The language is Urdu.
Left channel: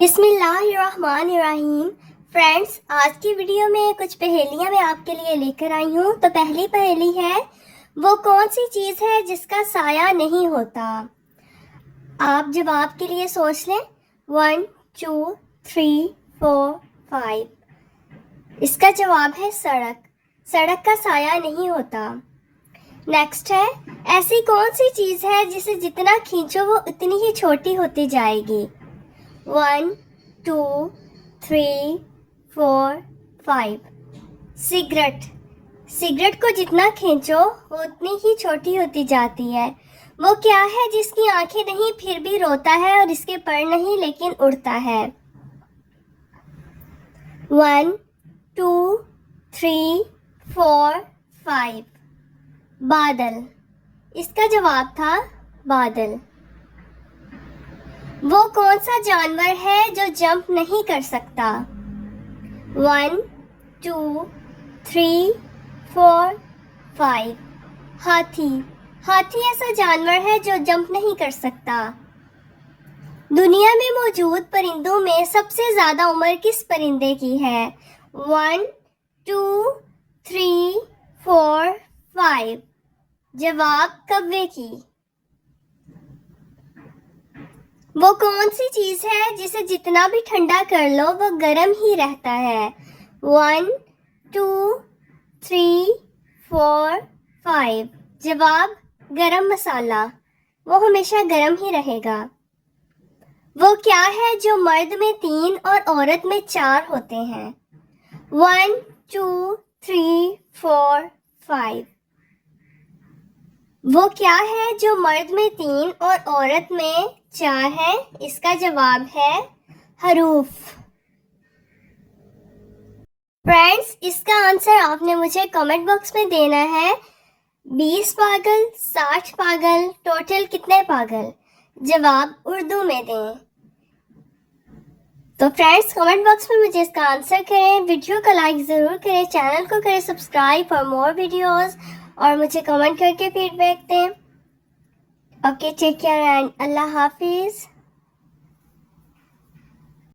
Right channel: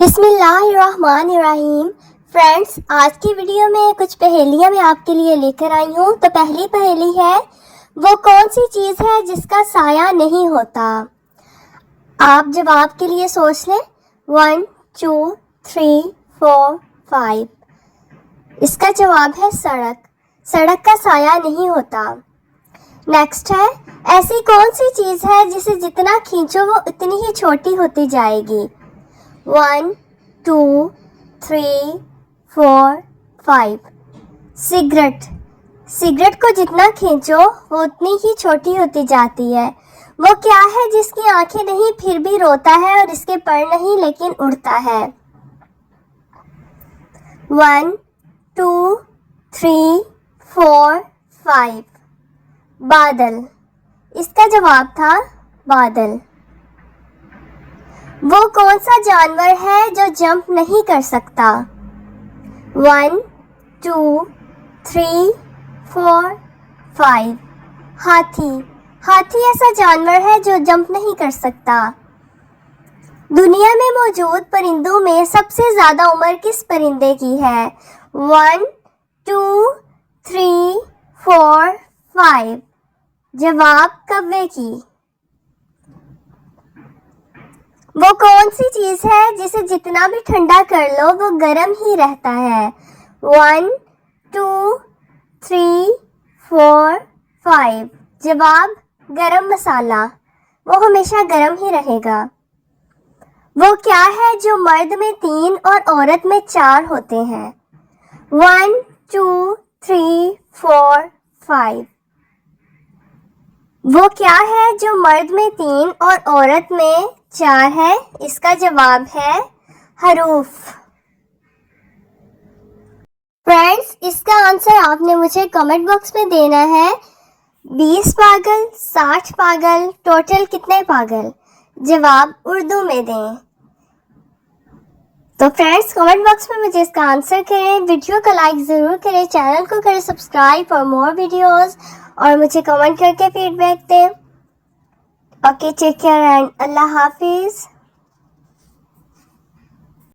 بسم اللہ الرحمن الرحیم۔ فرینڈس، آج کی ویڈیو میں کچھ پہیلیاں میں آپ کے لیے لے کر آئی ہوں۔ تو پہلی پہیلی ہے، وہ کون سی چیز ہے جس کا سایہ نہیں ہوتا؟ آپ جواب کے لیے سوچ لیں۔ 1 2 3 4 5۔ اس کا جواب ہے سڑک۔ سڑک کا سایہ نہیں ہوتا۔ نیکسٹ ہے، ایسی کون سی چیز ہے جسے جتنا کھینچو وہ اتنی ہی چھوٹی ہوتی جائے گی؟ 1 2 3 4 5۔ سگریٹ۔ سگریٹ کو جتنا کھینچو وہ اتنی ہی چھوٹی ہوتی جاتی ہے۔ وہ کیا ہے جس کی آنکھیں نہیں پھر بھی روتا ہے اور اس کے پر نہیں لیکن اڑتا ہے؟ 1 2 3 4 5۔ بادل۔ اس کا جواب تھا بادل۔ وہ کون سا جانور ہے جو جمپ نہیں کر سکتا؟ 1 2 3 4 5۔ ہاتھی۔ ہاتھی ایسا جانور ہے جو جمپ نہیں کر سکتا۔ دنیا میں موجود پرندوں میں سب سے زیادہ عمر کس پرندے کی ہے؟ 1 2 3 4 5۔ جواب کوے کی۔ وہ کون سی چیز ہے جسے جتنا بھی ٹھنڈا کر لو وہ گرم ہی رہتا ہے؟ 1 2 3 4 5۔ جواب گرم مسالہ۔ وہ ہمیشہ گرم ہی رہے گا۔ وہ کیا ہے جو مرد میں 3 اور عورت میں 4 ہوتے ہیں؟ 1 2 3 4 5۔ وہ کیا ہے جو مرد میں 3 اور عورت میں 4 ہے؟ اس کا جواب ہے حروف۔ فرینڈس، اس کا آنسر آپ نے مجھے کمنٹ باکس میں دینا ہے۔ 20 پاگل، 60 پاگل، ٹوٹل کتنے پاگل؟ جواب اردو میں دیں۔ تو فرینڈس، کمنٹ باکس میں مجھے اس کا آنسر کریں، ویڈیو کا لائک ضرور کریں، چینل کو کریں سبسکرائب فار مور ویڈیوز، اور مجھے کمنٹ کر کے فیڈ بیک دیں۔ اوکے، ٹیک کیئر اینڈ اللہ حافظ۔